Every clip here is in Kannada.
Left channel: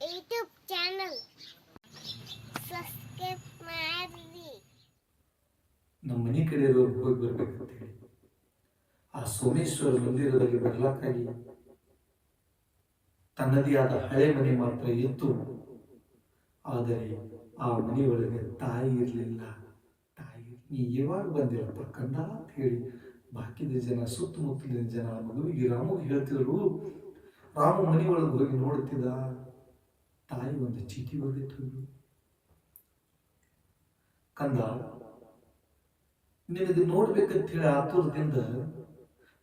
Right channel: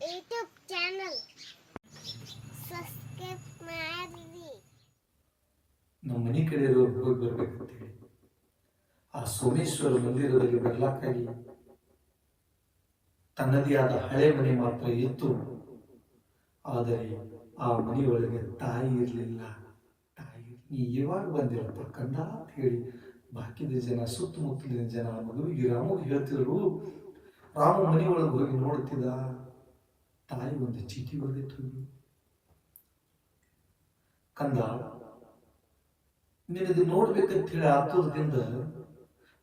ಯೂಟ್ಯೂಬ್ ಚಾನಲ್ ಸಬ್ಸ್ಕ್ರೈಬ್ ಮಾಡಿ. ನಮ್ಮ ಮನೆ ಕಡೆ ಇರೋರು ಅಂತ ಹೇಳಿ. ಆ ಸೋಮೇಶ್ವರ ಮಂದಿರದಲ್ಲಿ ಬರ್ಲಾಕಾಗಿ ತನ್ನದೇ ಆದ ಹಳೆ ಮನೆ ಮಾತ್ರ ಇತ್ತು. ಆದರೆ ಆ ಮನೆಯೊಳಗೆ ತಾಯಿ ಇರಲಿಲ್ಲ. ತಾಯಿ, ನೀ ಇವಾಗ ಬಂದಿರಪ್ಪ ಕಂಡ ಅಂತ ಹೇಳಿ. ಬಾಕಿದ ಜನ, ಸುತ್ತಮುತ್ತಲಿನ ಜನ ಮಗುವಿಗೆ ರಾಮ ಹೇಳ್ತಿದ್ರು ರಾಮು ಮನೆಯೊಳಗೆ ಹೋಗಿ ನೋಡುತ್ತಿದ್ದ ತಾಯಿ ಒಂದು ಚೀಟಿ ಬರೆದಿತ್ತು. ಕಂದ, ನಿನಗೆ ನೋಡ್ಬೇಕಂತ ಹೇಳಿ ಆತುರದಿಂದ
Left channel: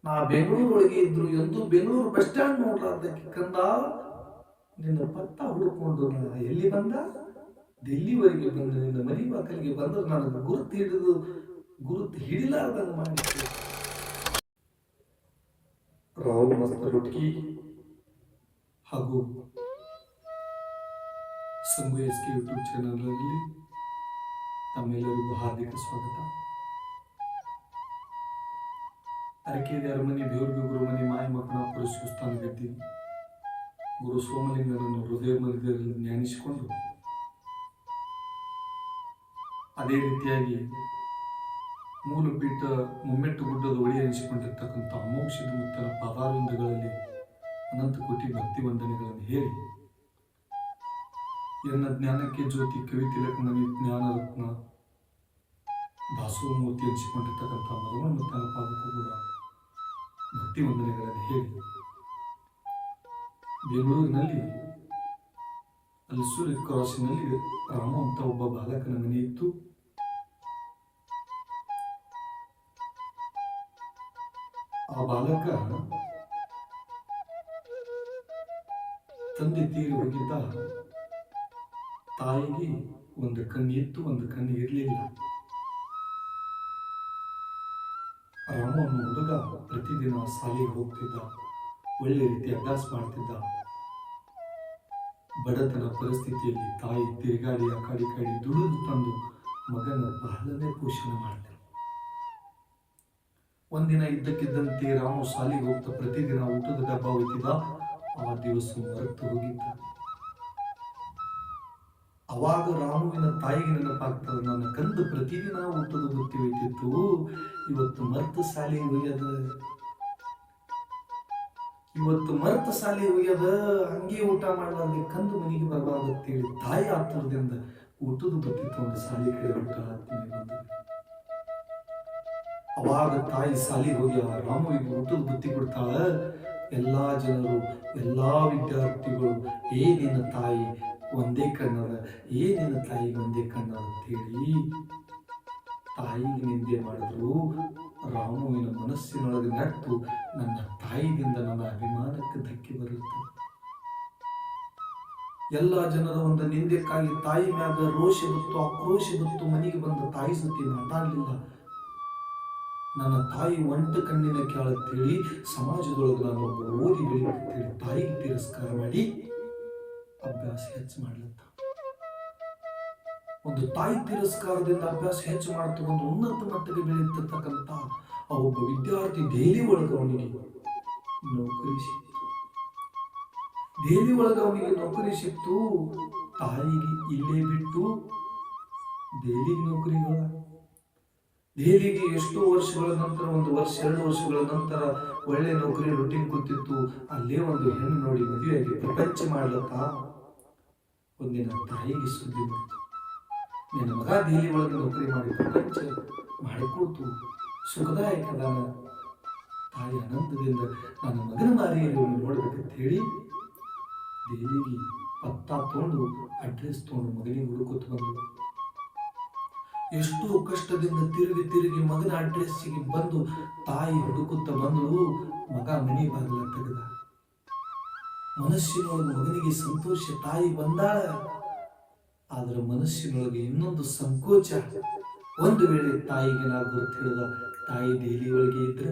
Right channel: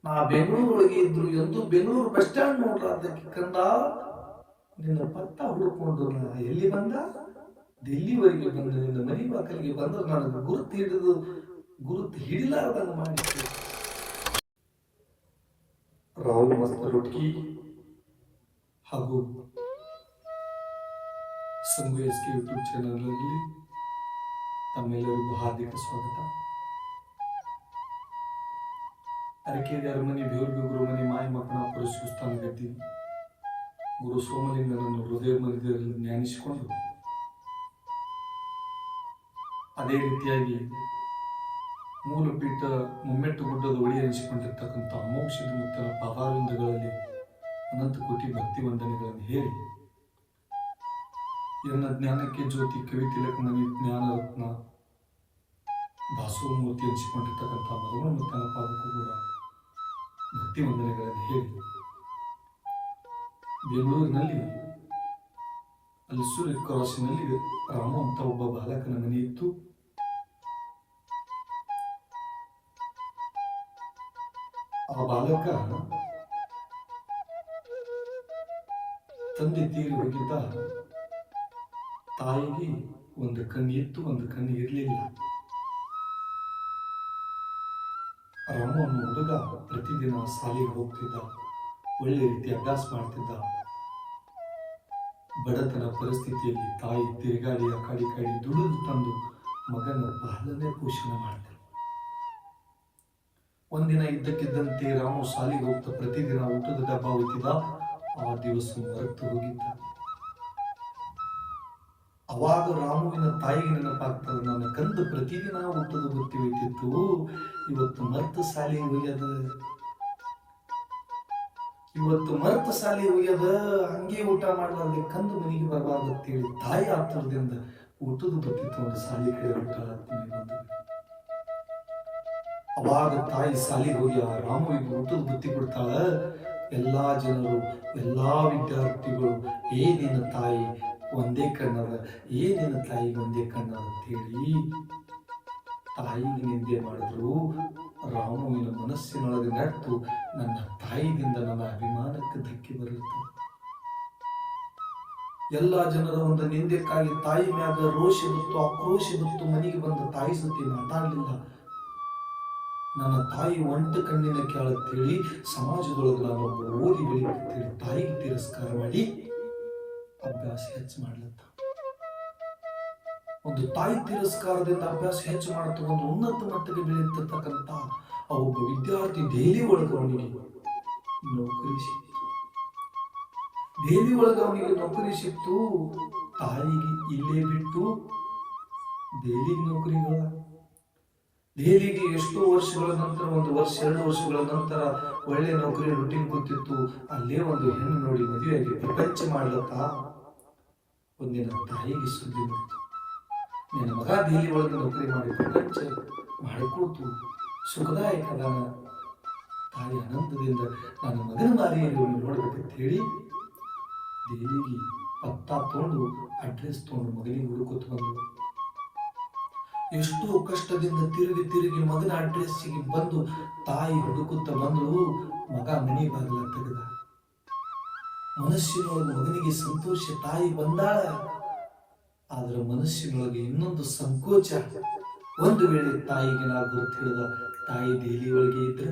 ನಾ ಬೆಂಗಳೂರೊಳಗೆ ಇದ್ರು ಎಂದು ಬೆಂಗಳೂರು ಬಸ್ ಸ್ಟ್ಯಾಂಡ್ ನೋಡ್ಲಾರ್ದಕ್ಕೆ ಕಂದ, ನಿನ್ನ ಪತ್ತ ಹುಡುಕೊಂಡು ನಾನು ಎಲ್ಲಿ ಬಂದ? ದಿಲ್ಲಿವರೆಗೆ ಬಂದ, ನಿನ್ನ ಮನೆ ಬಾಕಲಿಗೆ ಬಂದ್ರೆ ನನಗೆ ಗುರುತು ಹಿಡಿದು, ಗುರುತು ಹಿಡಿಲಾರ್ದಂಗೆ ಮಾಡಿ ರಾಹುಲ್ ಹುಡುಗಿ ಹಾಗೂ ಸಂಗು ಎಸ್ ಕೆ ಯೂಟ್ಯೂಬ್ ಚಾನಲ್ನಲ್ಲಿ ತಮ್ಮೆಲ್ಲರಿಗೂ ಹಾರ್ದಿಕ ಸ್ವಾಗತ. ಅರಕೇರಿ ಅರಮನೆ ಬೇವ್ರಿಗೆ ಗುರುಮನೆ ಮಾಯ ಮಕ್ಕಳ ಪುರಸ್ಕೃತಾನ ಸ್ಥಾನದಲ್ಲಿ ಗುರು ಸೋಮಲಿಂಗನನ್ನು ಹೃದಯ ಮಧ್ಯದಲ್ಲಿ ಜ್ಞಾನಿಸಿಕೊಂಡು ಅದೇ ರೀತಿಯಾಗಿ ಮೂಲಪೀಠ ಮುಮ್ಮೆಟ್ಟು ಗುಡ್ಡದ ಒಳಿ ಅನಿಸಿಕೊಂಡಿರ್ತಕ್ಕಂಥ ಅಮೋಕ್ಷದ ಮುತ್ತನ ಪಾದಾರವಿಂದಗಳಲ್ಲಿ ಅನಂತ ಕೋಟಿ ಭಕ್ತಿ ವಂದನೆಗಳನ್ನು ಹೇಳಿ, ಎನ್ನ ಜ್ಞಾನಕ್ಕೆ ಜ್ಯೋತಿ, ಕವಿ ತಿಲಕಮಣಿ ಜ್ಞಾನರತ್ನ ದಾಸೋಮೂರ್ತಿ ಹಂಚಿಕೊಂಡಿರ್ತಕ್ಕಂಥ ಮರವಣ ಮತ್ತು ಪಾದಕ್ಕೂ ಕೂಡ ಭಕ್ತಿ ವಂದನೆಗಳನ್ನು ಹೇಳಿ, ಬೆಂಗಳೂರಿನಲ್ಲಿ ಅಲ್ಸೂರಿ ಕ್ರಾಸಿನಲ್ಲಿ ರಾಮ ಅಂತ ಒಬ್ಬ ಬಾಲಕನ ಮನೆ ಇತ್ತು. ಆ ಬಾಲಕ ತಂದೆ ತೀರಿ ಹೋಗಿದ್ದ ತಾಯಿಗೆ ಒಂದು ಕಣ್ಣು ಇತ್ತು ಒಂದು ಕಣ್ಣು ಇರಲಿಲ್ಲ. ರಾಮನ ಹುಡುಗ ಪ್ರತಿದಿನ ಶಾಲೆಗೆ ಹೋಗ್ತಿದ್ದ, ಒಳ್ಳೆ ರೀತಿ ಅಭ್ಯಾಸ ಮಾಡ್ತಿದ್ದ. ಬಡತನ ಪರಿಸ್ಥಿತಿಯಲ್ಲಿ ತಾಯಿ ತಿರುಗಾಡಿ ಕಾಡಿ ಕಡೆ ದುಡಿದು ತಂದು ಮಗನ ಬಹಳನೇ ಪೋಷಣೆ ಮಾಡ್ತಿದ್ದ ಒಂದಿನ ಇದ್ದಕ್ಕಿದ್ದಂತೆ ರಾಮು ಶಾಲೆಗೆ ಹೋಗ್ತಾ ಪ್ರತಿದಿನ ಊಟದ ಡಬ್ಬ ಒಯ್ತಿದ್ದ ಆ ದಿವಸ ಮರೆತು ಹೋಗಿದ್ದ ಅವಾಗ ರಾಮುವಿನ ತಾಯಿಗೆ ನೆನಪಾಗ್ತದೆ, ನನ್ನ ಕಂದ ಪ್ರತಿದಿನ ಊಟದ ಬುತ್ತಿ ಹೋಯ್ತಿತ್ತು ಇವತ್ತು ಮರ್ತ ಶಾಲೆ ಒಯ್ಯದ. ಇವತ್ತು ಮರ್ತ ಸಾಲಿ ಒಯ್ಯದ. ಹಂಗೆ ಊಟ ಮಾಡಲಾರ್ದೆ ಕಂದು ಮನೆಗೆ ಬರಬಾರ್ದಂತೇಳಿ ತಾಯಿ ಆತುರದಿಂದ ಊಟದ ಬುತ್ತಿ ತಗೊಂಡು ಸಾಲಿ ಕಡೆ ಅವಾಗ ತಾಯಿ ಸಾಲಿಗೆ ಹೋಗಿ ರಾಮುವಿಗೆ ಊಟದ ಬುತ್ತಿ ಕೊಡ್ತಾಳ. ಎಲ್ಲಾ ಜನರು, ಎಲ್ಲಾ ವಿದ್ಯಾರ್ಥಿಗಳು, ಏ ನಿನ್ನ ತಾಯಿ, ಒಂದೇ ಕನ್ನಡ, ಏ ನಿನ್ನ ತಾಯಿ, ಒಂದೇ ಕನ್ನಡ ಅಂತೇಳಿ ತಾಯಿಗೆ ನಿಂದೆ ಮಾಡಿದ್ರು. ರಾಮುವಿನ ಮನಸ್ಸಿನೊಳಗೆ ನಟ್ಟು ನನ್ನ ತಾಯಿಯಿಂದ ನನ್ನ ಅಭಿಮಾನಕ್ಕೆ ಧಕ್ಕೆ ಬರುತ್ತೆ ಎಲ್ಲ ಜನರ ಒಂದು ನಿಂದೆಕ್ಕಾಗಿ ತಾಯಿ ಮ್ಯಾಗ ರೋಷಿ ಬತ್ತು, ಆಕ್ರೋಶ ಬತ್ತು, ಮನೆಗೆ ಬಂದು ತಾಯಿ ಸುತ್ತಿ ಮಾತಾಡಲಿಲ್ಲ. ನನ್ನ ತಾಯಿ ಒಂಟ ಕಣ್ಣಿನ ಕೇಳತ್ತೇಳಿ ಸಮಾಜದೊಳಗೆ ನಾನು ಓದಿ ಬೆಳಿಬೇಕಂತೇಳಿ ತಾಯಿಗೆ ತಿರಸ್ಕಾರ ಮಾಡಿ ಅಭ್ಯಾಸ ಹೆಚ್ಚು ಮಾಡ್ಲತ್ತ. ಒಂದು ತಾಯಿ ತಿರಸ್ಕಾರದಿಂದ ಅಭ್ಯಾಸ ಹೆಚ್ಚು ಮಾಡುತ್ತ ಒಂದು ಉನ್ನತ ಮಟ್ಟಕ್ಕೆ ಬೆಳೆಯತಕ್ಕಂತ ಆ ಒಬ್ಬ ವಿದ್ಯಾರ್ಥಿ ಡೈಲಿ ಒಳಗೆ ಅವನಿಗೆ ನೌಕರಿ ಸಿಕ್ತು. ಡೈಲಿ ಒಳಗೆ ಅವನಿಗೆ ನೌಕರಿ ಸಿಕ್ತು, ತಾಯಿಗೆ ಇಲ್ಲೇ ಬಿಟ್ಟು ಡೈಲಿಗೆ ನೌಕರಿ ದೆಹಲಿಗೆ ಎಷ್ಟೋ ವರ್ಷಗಳ ನಂತರ, ಒಂದು ವರ್ಷ, ಎರಡು ವರ್ಷಗಳ ನಂತರ ಒಳ್ಳೆ ನೌಕರಿ ರೊಟ್ಟಿಗೆ ಕೂತಿತ್ತು. ಅಲ್ಲೇ ಒಂದು ಹೆಣ್ಣು ನೋಡಿ ಮದುವೆಯಾಗಿ ಪ್ರಪಂಚ ಮಾಡ್ಲತ್ತ? ಒಂದಿನ ತಾಯಿಗೆ ಸುದ್ದಿ ನನ್ನ ಮಗ ದೇಹಿ ಒಳಗೆ ನೌಕರಿ ಮಾಡಿ ಪ್ರಪಂಚ ಮಾಡಿಕೊಳ್ತು ಸುಖದಾಯಕ ತಾಯಿ ಆನಂದದಿಂದ ನನ್ನ ಮಗನ ಮಾರಿಯಲ್ಲಿ ನೋಡಬೇಕಂತ ಹೇಳಿ ದೇವಿಗೆ ಪತ್ತ ತಗೊಂಡು ಅಡ್ರೆಸ್ ತಗೊಂಡು ಮಗನಿಗೆ ಹುಡುಕುತ್ತ ಬಂದು. ಎಷ್ಟೋ ಕಷ್ಟದಿಂದ ತಿರುಗಿ ತಿರುಗಿ ಮಗನ ಅಡ್ರೆಸ್ಸಿಗೆ ಬಂದು ತಾಯಿ ಹುಡುಕುತ್ತ ಬಂದಳು ಮಗ ಮನೆ ಬಾಗಿಲ ತೆಗೆದ. ಮನಸ್ಸಿನೊಳಗೆ ಮಗನಿಗೆ ಸಂತೋಷ, ತಾಯಿ ಬಂದಾಳ. ಆದ್ರೆ ಮನಸ್ಸಿನೊಳಗೆ ಇನ್ನೊಂದು ಸಂಕೋಚ. ಒಂದು ವೇಳೆ ತಾಯಿಗೆ ನಾ ಗುರುತು ಹೇಳಿದ ತಾಯಿ ದೇಲಿ ಒಳಗೆ ಇದ್ರ?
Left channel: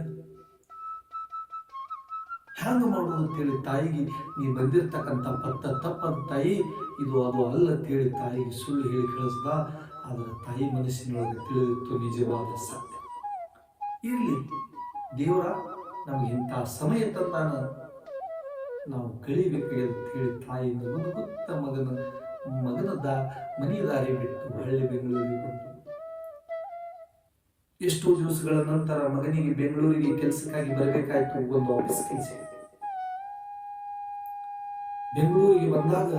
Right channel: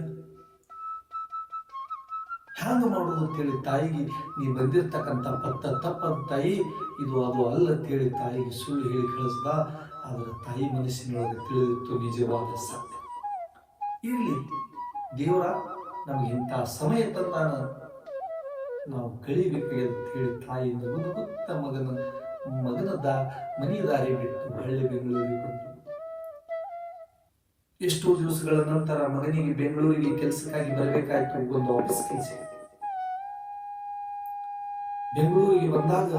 ಹ್ಯಾಂಗ ಮಾಡೋದು ಅಂತೇಳಿ ತಾಯಿಗೆ, ನೀ ಬಂದಿರ್ತಕ್ಕಂಥ ಪತ್ತ ತಪ್ಪ ತಾಯಿ, ಇದು ಅದು ಅಲ್ಲ ಅಂತೇಳಿ ತಾಯಿಗೆ ಸುಳ್ಳು ಹೇಳಿ ಕಳಿಸ್ದ. ಆದರೆ ತಾಯಿ ಮನಸ್ಸಿನೊಳಗೆ ತಿಳಿದಿತ್ತು ನಿಜವಾದ ಸತ್ಯ. ಇರಲಿ, ದೇವರ ನಮಗೆ ಇಂಥ ಸಮಯ ತಂದಾನ ನಾವು ಕಳಿಬೇಕು ಅಂತ ಹೇಳಿ ತಾಯಿ ಮುದುಗುತ್ತ ಮಗನ ಮಗನ ದಾ ಮನೆಯ ದಾರಿ ಬಿಟ್ಟು ಹಳ್ಳಿ ಬೆಂಗಳೂರಿಗೆ ಬಂದು. ಎಷ್ಟೋ ದಿವಸಗಳ ನಂತರ ಮಗನಿಗೆ ಬೆಂಗಳೂರಿಗೆ ಕೆಲಸಕ್ಕಾಗಿ ಬರಬೇಕಾಯಿತು ಒಂದು ಆಫೀಸ್ ಕೆಲಸ. ಬೆಂಗಳೂರಿಗೆ ಬಂದಾಗ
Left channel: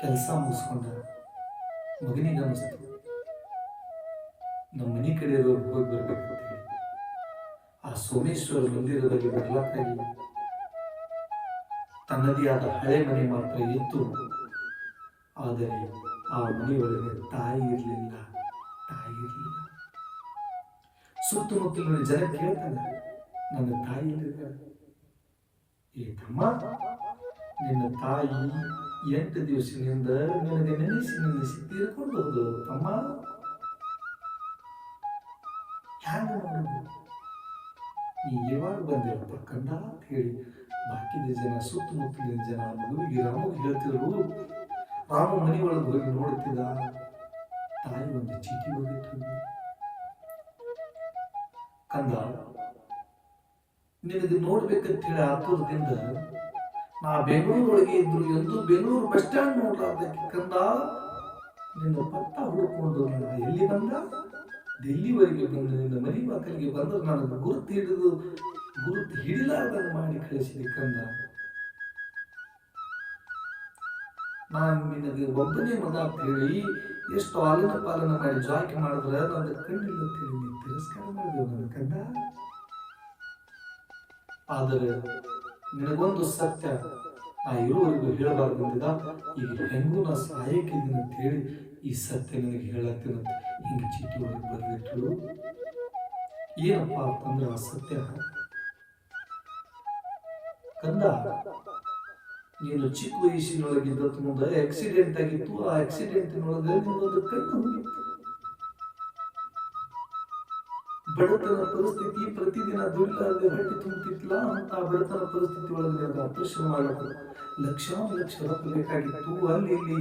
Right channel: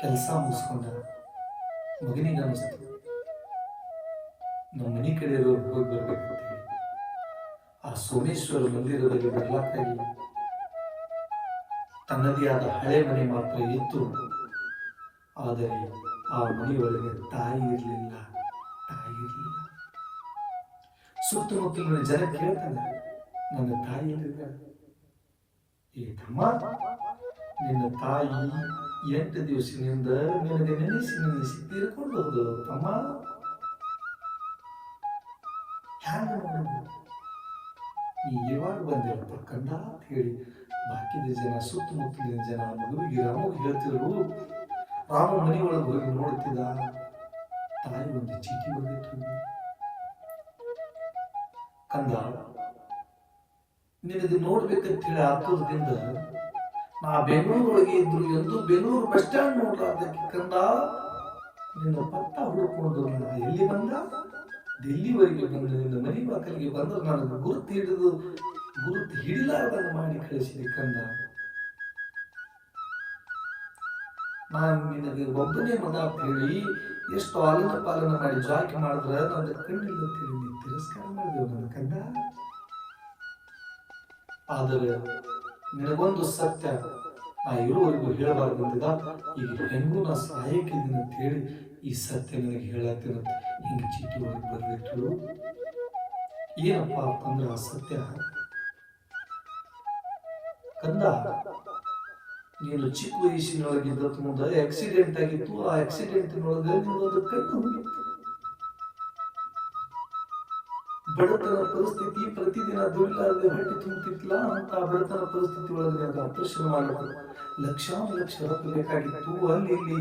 ಕೆಲಸ ಮುಗಿಸ್ಕೊಂಡ. ಮಗನಿಗೆ ಅನಿಸ್ತು ನಮ್ಮ ಮನೆ ಕಡೆ ಹೋಗಿ ಬರಬೇಕು ಆ ಸೋಮೇಶ್ವರ ಮಂದಿರದಲ್ಲಿ ಬರ್ಲಕ್ಕಾಗಿ ತನ್ನದೇ ಆದ ಹಳೆ ಮನೆ ಮಾತ್ರ ಇತ್ತು. ಆದರೆ ಆ ಮನೆಯೊಳಗೆ ತಾಯಿ ಇರಲಿಲ್ಲ ತಾಯಿ ಇರಲಿಲ್ಲ. ಸುತ್ತಮುತ್ತಲಿನ ಜನ ಕೇಳ್ತಾನೆ ನನ್ನ ತಾಯಿ ಇರಲಿಲ್ಲ ಏ ತಮ್ಮ, ನಿನ್ನ ತಾಯಿ ಎಂಟು ದಿವಸದಿಂದ ನಿನಗೆ ನೆನೆಸಿ ನೆನೆಸಿ ತೀರ್ಕೊಂಡು ಹೋದ್ರು ತಮ್ಮ ಹ್ಯಾಂಗ ನೋಡುದು ನೀ ಯಾವಾಗ ಬಂದಿರಪ್ಪ ಕಂದ ಅಂತ ಹೇಳಿ ಬಾಕಿದ ಜನ, ಸುತ್ತಮುತ್ತಲಿನ ಜನ, ಮಗುವಿಗೆ ರಾಮ ಹೇಳ್ತಿದ್ರು, ರಾಮ ಮನೆಯೊಳಗೆ ಹೋಗಿ ನೋಡುತ್ತಿದ್ದ ತಾಯಿ ಒಂದು ಚೀಟಿ ಬಂದಿತ್ತು. ಕಂದ, ನಿನಗೆ ನೋಡ್ಬೇಕಂತ ಹೇಳಿ ಆತುರದಿಂದ ನಾ ಬೆಂಗಳೂರೊಳಗೆ ಇದ್ರು ಎಂದು ಬೆಂಗಳೂರು ಬಸ್ ಸ್ಟ್ಯಾಂಡ್ ನೋಡ್ಲಾರ್ದಕ್ಕೆ ಕಂದ ನಿನ್ನ ಪತ್ತ ಹುಡುಕೊಂಡು ನಿನ್ನ ಎಲ್ಲಿ ಬಂದ? ಡೆಲ್ಲಿವರೆಗೆ ಬಂದು ನಿನ್ನ ಮನೆ ಬಾಕಲಿಗೆ ಬಂದ್ರೆ ನನಗೆ ಗುರುತು ಹಿಡಿದು ಗುರುತು ಹಿಡಿಲಾರ್ದಂಗೆ ಮಾಡಿ ಕಳಿಸಿದೆ ಕಂದ. ನಾನು ನಿನಗೆ ಒಬ್ಬನೇ ಮಗ ಅಂತ ಹೇಳಿ ಎಷ್ಟು ಆಲನ ಪಾಲನ ಮಾಡಿ ಜಾಕಿ ಮಾಡಿದ್ರೆ ನನ್ನ ಕಣ್ಣಿಲ್ಲ ಅಂತ ಹೇಳಿ ನೀನು ತಿರಸ್ಕಾರ ಮಾಡಿದೆ ನನ್ನ ಕಂದ. ಆದರೆ ನಿನಗೊಂದು ಸತ್ಯ. ಆ ಇರುವವರೆಗೂ ಹೇಳಬಾರ್ದಂದಿದ ಈಗ ಹೆಂಗೂ ನಾ ಸಹಾಯಕ್ಕೆ ಅಂತ ಹೇಳಿ ಈ ಸತ್ಯ ನನಗೆ ಹೇಳತ್ತೀನಂತ ಹಿಂಗೆ ಚಿತ್ರವಾಗಿ ಒಳಗೆ ಏನಪ್ಪಾ ಅಂತಂದ್ರೆ ಆ ಸತ್ಯ? ಕಂದ, ನೀನು ಚಿಕ್ಕ ವಯಸ್ಸಿನೊಳಗಿದ್ದ ತುಂಬ ಆಕ್ಸಿಡೆಂಟ್ ಆಗಿತ್ತು. ಆ ಆಕ್ಸಿಡೆಂಟಿನೊಳಗೆ ನಿನ್ನೊಂದು ಕಣ್ಣು ಹೋಗಿತ್ತು ಬಡತನ ಪರಿಸ್ಥಿತಿ ಪ್ರತಿದಿನ ದುಡಿಲಾರದೆ ಹೊಟ್ಟೆ ತುಂಬುತ್ತಿತ್ತಲ್ಲ ಅಂತ ಬಡತನ ಪರಿಸ್ಥಿತಿ ಒಳಗೆ ಅದು ಆಪರೇಷನ್ ಮಾಡಬೇಕು ಲಕ್ಷಾನು ಲಕ್ಷ ರೊಕ್ಕ ಬೇಕಾಗಿತ್ತು. ಅಲ್ಲಿ ಇಲ್ಲಿ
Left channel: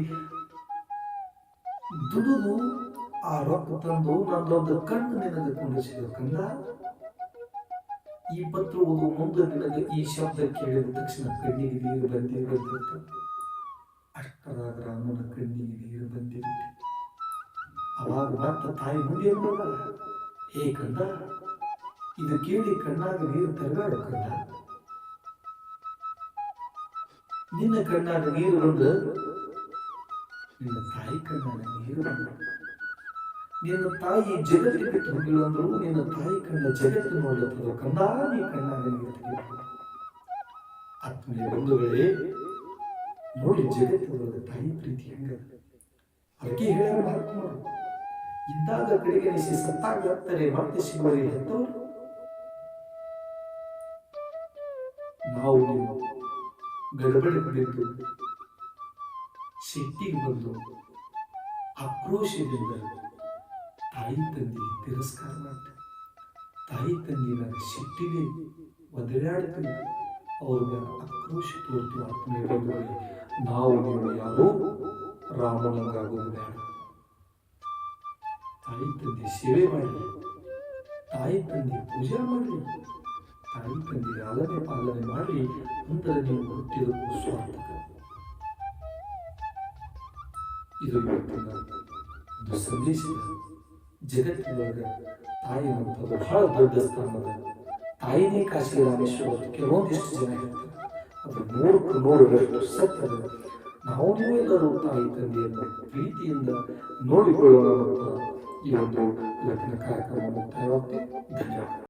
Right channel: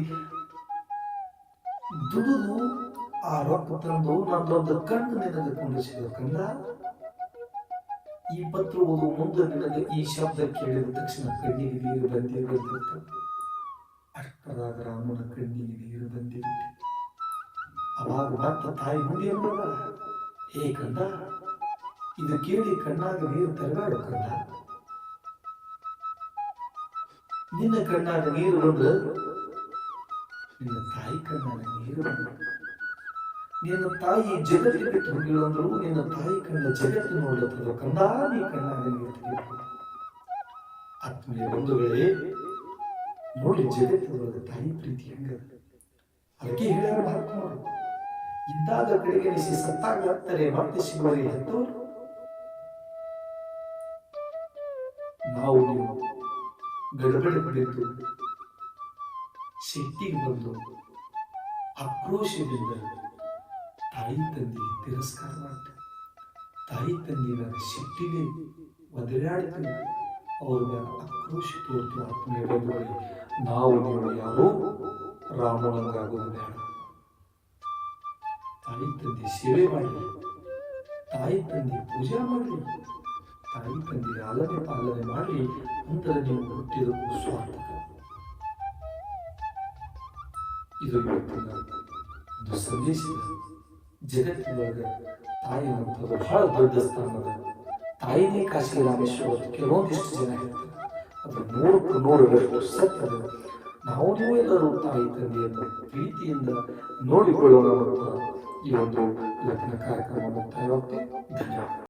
ದುಡಿದು ಆ ರೊಕ್ಕ ತಂದು ನಂದೊಂದು ಕಣ್ಣು ನಿನಗೆ ಕೊಂಡಿಸಿದ ಈ ಪತ್ರ ಓದುವ ಮುಂದೆ ನಿನಗೆ ಈ ಶಬ್ದ ಕೇಳಿದ ತಕ್ಷಣ ಕಣ್ಣಿಗೆ ನೀರು ಬಂದೇ ಬಂದಿತ್ತು ಅಷ್ಟರ ರಾಮನ ಕಣ್ಣಿಗೆ ನೀರು ಬಂದಿರುತ್ತೆ ಅವಾಗ ಮತ್ತೆ ತಾಯಿ ಮುಂದೆ ನೋಡ ಹೇ ಕಂದ, ಇದು ಕೇಳಿ ಕಣ್ಣಾಗ ನೀರು ತರಬೇಡ ಕಂದ? ನಿನ್ನ ಕಣ್ಣಾಗ ನೀರು ಬಂದು ನಿನ್ನ ತಾಯಿ ಕಣ್ಣಾಗ ನೀರು ಬಂದು ನಿನ್ನ ತಾಯಿ ಜಗತ್ತಿಗೆ ಬಿಟ್ಟು ಹೋಗಿಲ್ಲ ಅಂದ್ರು ನಿನ್ನ ತಾಯಿ ಕಣ್ಣ ಜಗತ್ತು ನೋಡುತ್ತದೋ ಕಂದ? ನೀ ಕಣ್ಣಾಗ ನೀರು ಆತ್ಮೀಯ ವೇಳೆ ನೋಡಿ ಜಗತ್ತದೊಳಗೆ ತಾಯಿ ಪ್ರೀತಿ ಹೆಂಗ ಅದಕ್ಕೆ ಹೇಳ ಮಹಾತ್ಮರು ಇದ್ದಾಗ ಕಡೆಗೆ ನಿಶಿ ಸತ್ತಾಗ ಹತ್ತಾರೆ ಮತ್ತೆ ಶಿವರಿಗೆ ಹತ್ತವರು? ನಾವು ನೀವು ಗಡಬಡ ಬಿದ್ದು ಸಿಟ್ಟಿಗೆ ಬಂದು ಆಕ್ರೋಶದಿಂದ ತಾಯಿ ತಂದೆಗೆ ತಿರಸ್ಕಾರ ಮಾಡ್ತೇವೆ ತಾಯಿ ತಂದೆಯ ಶಕ್ತಿಗೆ ಒದರಾಡ್ತೀವಿ ಅವರ ಆಕ್ರೋಶ ತೋರ್ತು. ಆತ್ಮೀಯ ಬಂಧುಗಳೇ, ನಾವು ನೀವು ಯಾರೋ ರಾಮನಂಗಾಗೋದು ಬೇಡ ತಾಯಿ ತಂದೆ ಸೇವೆ ಮಾಡಲಿ ತಾಯಿ ತಂದೆ ಪೂಜೆ ಮಾಡಲಿ ತಾಯಿ ತಂದೆ ಆಲನೆ ಪಾಲನೆ ಮಾಡಲಿ ನಂತರ ನೀವು ಹುಟ್ಟಿದಕ್ಕೂ ಸ್ವಾರ್ಥಕ. ಇದು ಒಂದು ಸಂದೇಶ. ತಾಯಿ ಅಂತ ಬಹಳ ದೊಡ್ಡ ಸ್ಥಾನದ ತಾಯಿನೇ ಕಾಶಿ ರಾಮೇಶ್ವರ ಕೆಲವೊಂದಿಷ್ಟು ಜನ ಹೇಳ್ತಾರೆ. ಅದು ನೂರಕ್ಕೆ ನೂರರಷ್ಟು ಸತ್ಯ ನಾವು ಎಲ್ಲರೂ ತಾಯಿ ತಂದೆಯನ್ನು ಪ್ರೀತಿಯಿಂದ ನೋಡಿಕೊಳ್ಳೋಣ いろいろな科学の問題をっていかにあるか。